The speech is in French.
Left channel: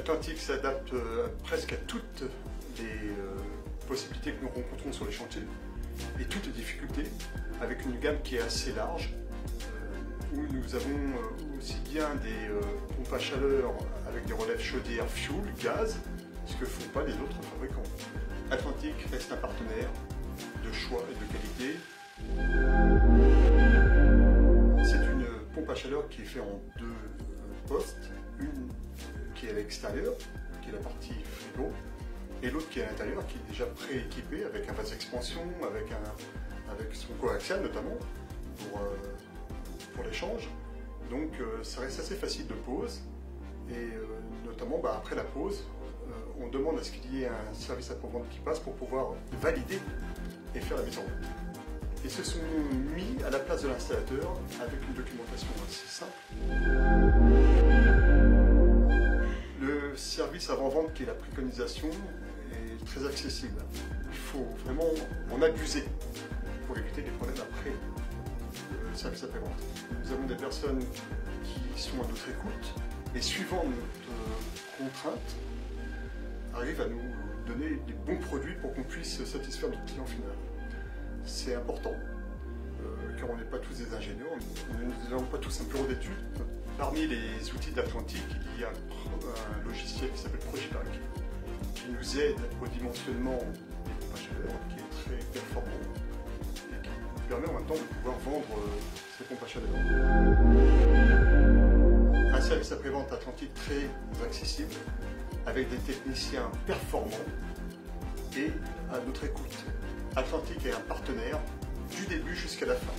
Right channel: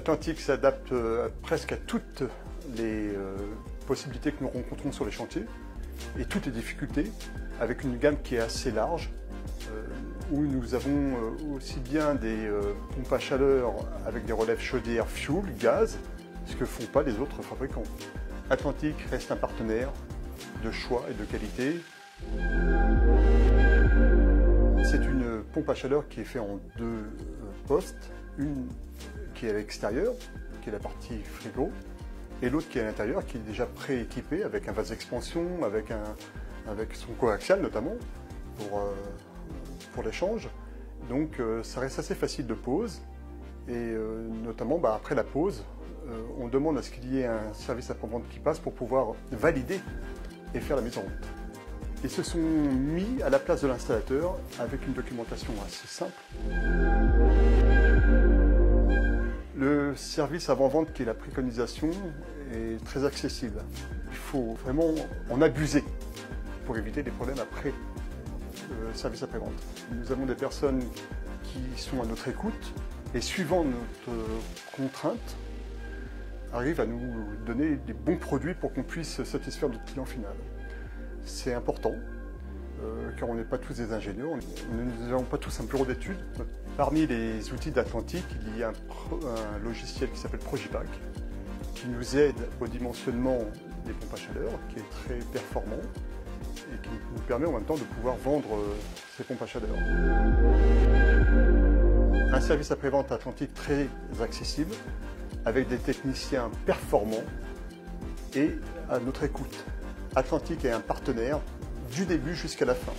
Atlantic s'adapte presque à toutes les possibilités que nous rencontrons sur les chantiers et toutes les difficultés, avec une gamme qui est assez large, où nous avons aussi bien des pompes à chaleur avec des relèves chaudière, fuel, gaz, ce que ne font pas les autres fabricants. Atlantic reste un partenaire de choix et de qualité. C'est une pompe à chaleur qui est faite en deux postes, une qui est à l'extérieur, qui est la partie frigo, et l'autre qui est à l'intérieur, qui est déjà pré-équipée avec un vase d'expansion, avec son coaxial notamment, pour l'échange. Donc ça reste assez facile de pose, et notamment après la pose, on demande à ce qu'il y ait un service après-vente qui passe pour pouvoir valider et faire la mise en route. Ils se sont mis à la place de l'installateur avec une documentation assez simple. Le service avant-vente qui est la préconisation est très accessible. Il faut vraiment en abuser pour éviter des problèmes après le service après-vente. Nous avons des personnes qui sont à notre écoute et suivant notre contrainte, arrivent à nous donner des bons produits pour qu'on puisse satisfaire notre client final. C'est important, car on n'est pas tous des ingénieurs, nous n'avons pas tous un bureau d'études. Parmi les outils d'Atlantic, il y a un logiciel qui s'appelle Progipack, qui nous aide au dimensionnement des pompes à chaleur, qui est très performant et qui nous permet en même temps de pouvoir vendre ces pompes à chaleur. Un service après-vente Atlantic très accessible, avec des techniciens performants et à notre écoute. Atlantic est un partenaire du début jusqu'à la fin.